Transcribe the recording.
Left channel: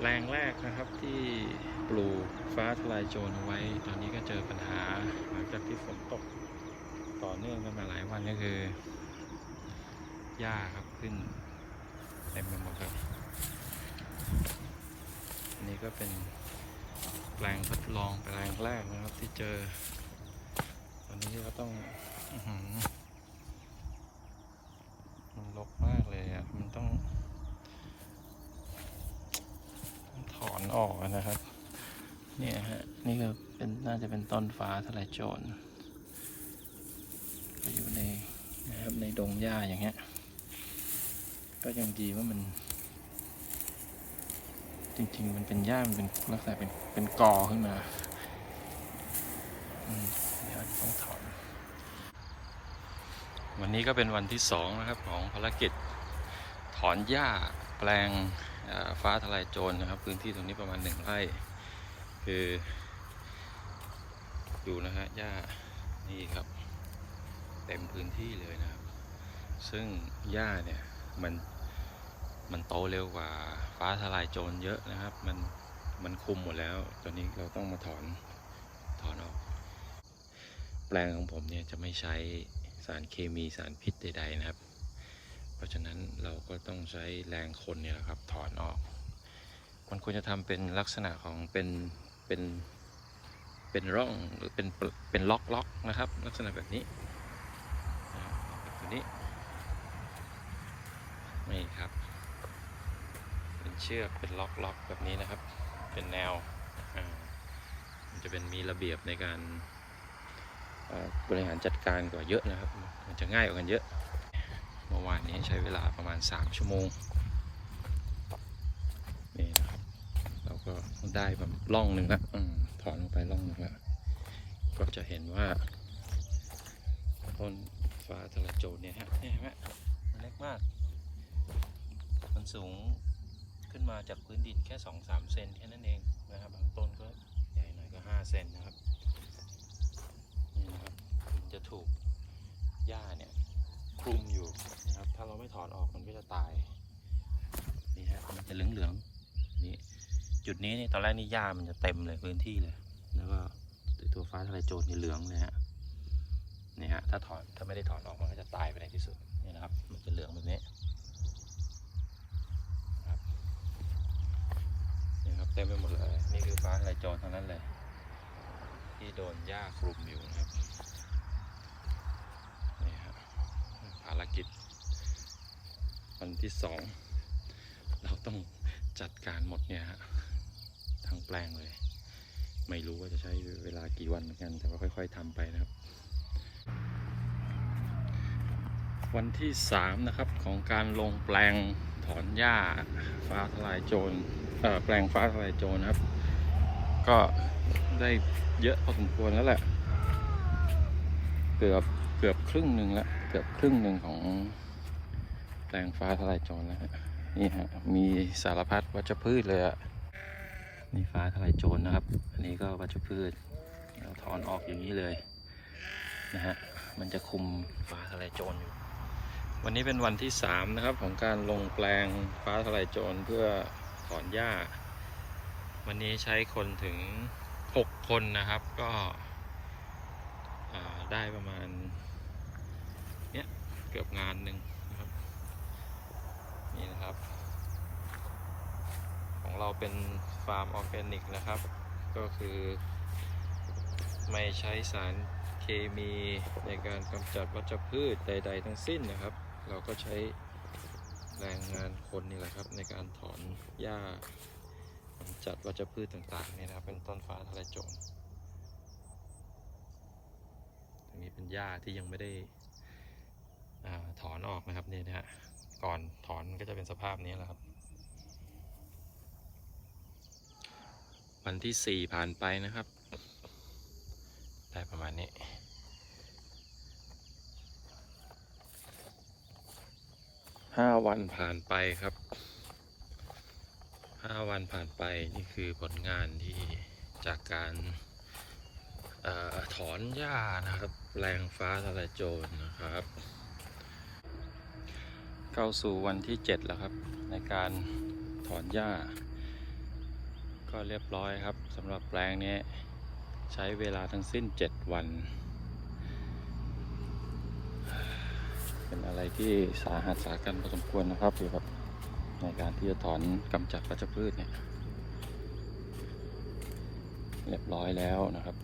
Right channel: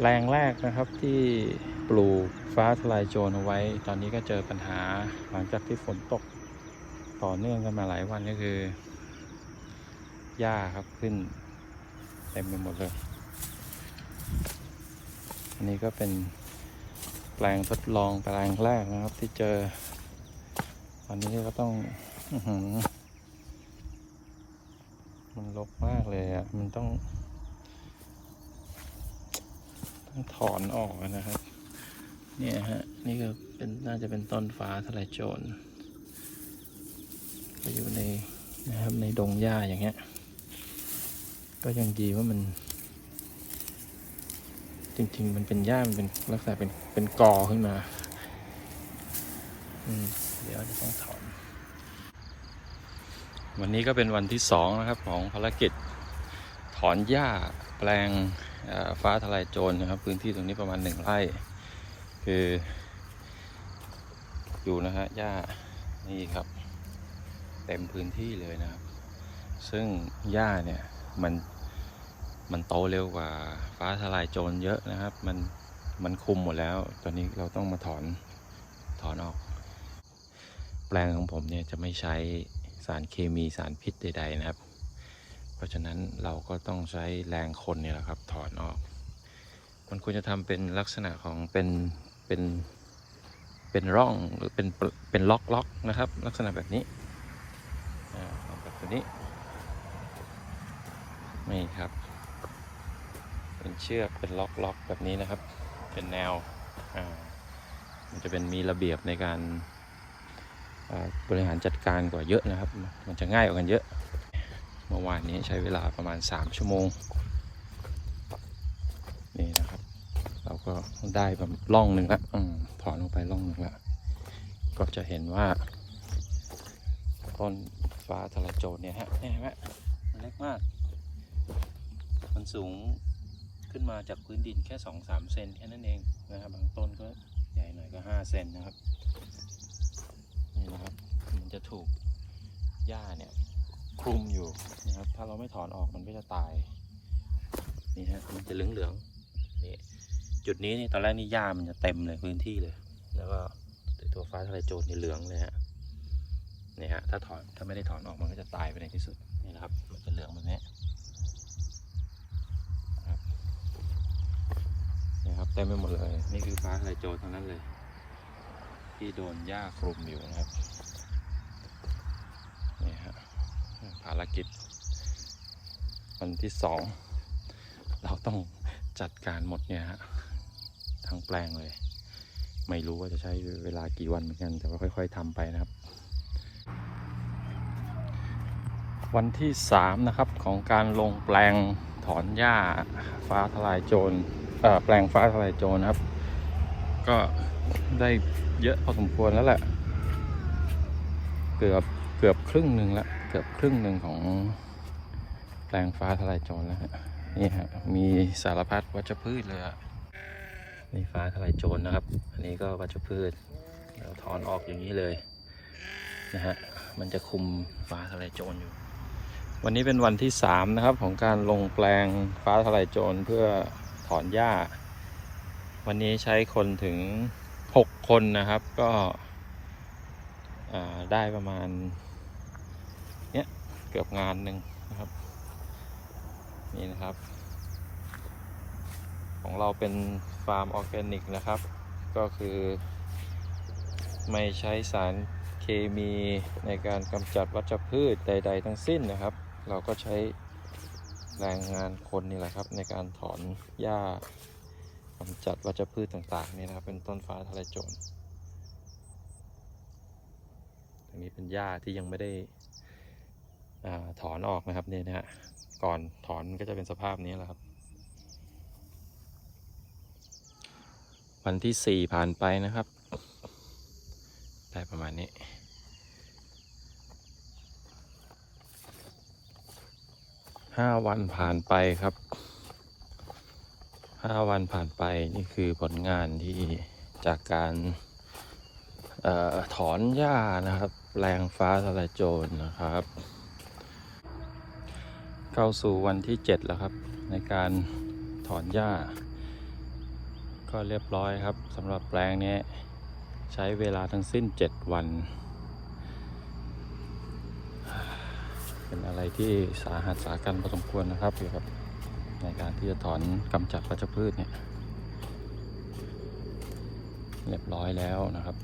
แปลงแรกนะครับที่ปลูกฟ้าทลายโจรเอาไว้ ตอนนี้ก็เจอปัญหาหลังจากที่ฝนตกต่อเนื่องกันมาหลายวันก็คือหญ้าครับขึ้นเต็มไปหมดเลย อันนี้ก็เป็นแปลงทดลองแปลงแรกนะครับที่เจอ ตอนนี้ก็ต้องอมันรกมากเลยอะ มันต้อง ถอนออกนะครับ เนี่ยฮะ นี่ก็เป็นน่าจะเป็นต้นฟ้าทลายโจรก็อยู่ในนะครับในดงหญ้าอย่างเงี้ย ก็ยังดีว่ามัน จริง ๆ มันเป็นหญ้ามันเป็นลักษณะเป็นเป็นกอขึ้นมาอืเดี๋ยวจะต้องถอน วันนี้ก็เป็นวันที่สองนะครับของภารกิจถอนหญ้าแปลง ฟ้าทลายโจรนะครับ พื้นที่ตรงนี้ประมาณหนึ่งไร่ คืออยู่นะฮะหญ้านี่ครับ เต็มพื้นที่เลยนะครับ ซึ่งหญ้าเนี่ยมันมันโตเร็วกว่าฟ้าทลายโจรเยอะนะครับ มันมันคุมหมดแล้ว ตอนนี้เราต้องมาถอนถอนออก แปลงของผมเนี่ยจะไม่ใช้สารเคมีสารพิษใดๆนะครับ เพราะฉะนั้นเราก็ต้องใช้แรงคนเนี่ยแหละครับถอนออก มันควรจะทำเป็นลักษณะของเป็นเป็นเป็นร่องหรือเป็นเป็นล็อกล็อกนะครับ ลักษณะแบบนี้แบบนี้นี่ครับ เป็นเชือกเป็นล็อกล็อกแบบนี้นะครับ เป็นแนวอ่ามันจะเป็นมีระเบียบในการบริหารจัดการกว่าเยอะนะครับ มันจะง่ายกว่ากันเยอะ เมื่อวานนี้ใช้เวลาประมาณ 3 ชั่วโมง นี่นะครับ เราก็ได้แบบล่องหนึ่งละอืมถอนลงไปล่องหนึ่งละก็จะเห็นว่า ต้นฟ้าทลโจรเนี่ยฮะเนี่ยเห็นไหมมันเล็กมาก มันสูงขึ้นมาจากพื้นดินแค่ 2-3 เซนแค่นั้นเองนะครับ บางต้นก็ใหญ่หน่อยก็ 5 เซนนะครับ นี่นะครับ มันจะถูกหญ้าเนี่ย คลุมอยู่นะครับ ถ้าเราไม่ถอนออกมันก็จะตาย นี่ฮะมันจะเหลืองๆนี่จุดนี้นี่ตอนแรกนี่หญ้ามันจะเต็มเลยพื้นที่เลย แล้วก็ตัวฟ้าทะลายโจรนี่เหลืองเลยฮะนี่ฮะถ้าถอนถ้าไม่ได้ถอนออกมันก็จะตายไปในที่สุดนี่นะครับ มันจะเหลืองแบบนี้นี่ครับเต็มไปหมดเลย นี่คือฟ้าทะลายโจรทั้งนั้นเลย ที่โดนหญ้าคลุมอยู่นะครับ นี่ฮะ ภาร กิจ วันที่สองเราต้องจัดการหมดเนี่ยฮะทั้งแปลงเลย ไม่รู้ว่าจะใช้เวลากี่วันเหมือนกันแต่ว่าค่อย ๆทำไปนะครับ วันที่สามนะครับของการลงแปลงถอนหญ้าฟ้าทลายโจรแปลงฟ้าทลายโจรนะครับ ก็ได้เยอะพอสมควรแล้วแหละเกือบเกือบครึ่งหนึ่งและ เกือบครึ่งหนึ่งของแปลงฟ้าทลายโจรแล้วฮะนี่ฮะมีสารพัดวัชพืชเลยอะนี่ฟ้าทลายโจรนะครับ อันนี้ก็วัชพืชเราถอนออกอย่างนี้เลยนะฮะมันจะคุมฟ้าทลายโจรอยู่ วันนี้เป็นวันที่สามนะครับของการลงแปลงฟ้าทลายโจรเพื่อถอนหญ้า วันนี้ใช้คนถึงหกคนนะครับก็ได้ประมาณ กือบงานหนึ่งนะครับ นี่นะครับ ของเราเป็นฟาร์มออร์แกนิกนะครับ ก็คือ ไม่ใช้สารเคมีในการกำจัดวัชพืชใด ๆ ทั้งสิ้นนะครับ เราก็ใช้แรงงานคนนี่แหละครับ ในการถอนหญ้ากำจัดวัชพืชต่างๆนี่นะครับ เป็นต้นฟ้าทะลายโจรอันนี้เป็นหญ้าที่ยังไม่ได้ อถอนออกนะครับเนี่ยนะฮะก่อนถอนก็จะเป็นสภาพนี้แหละครับ วันที่สี่ผ่านไปนะครับ ได้ประมาณนี้ห้าวันผ่านไปครับห้าวันผ่านไปนี่คือผลงานที่จากการออถอนหญ้านะครับ แรงฟ้าทลายโจรนะครับ เข้าสู่วันที่ 7 แล้วครับ ในการถอนหญ้า ก็เรียบร้อยครับสำหรับแปลงนี้ใช้เวลาทั้งสิ้น 7 วัน เป็นอะไรที่สาหัสสากันพอสมควรนะครับเกี่ยวกับ ในการที่จะถอนกำจัดวัชพืชเนี่ย เรียบร้อยแล้วนะครับ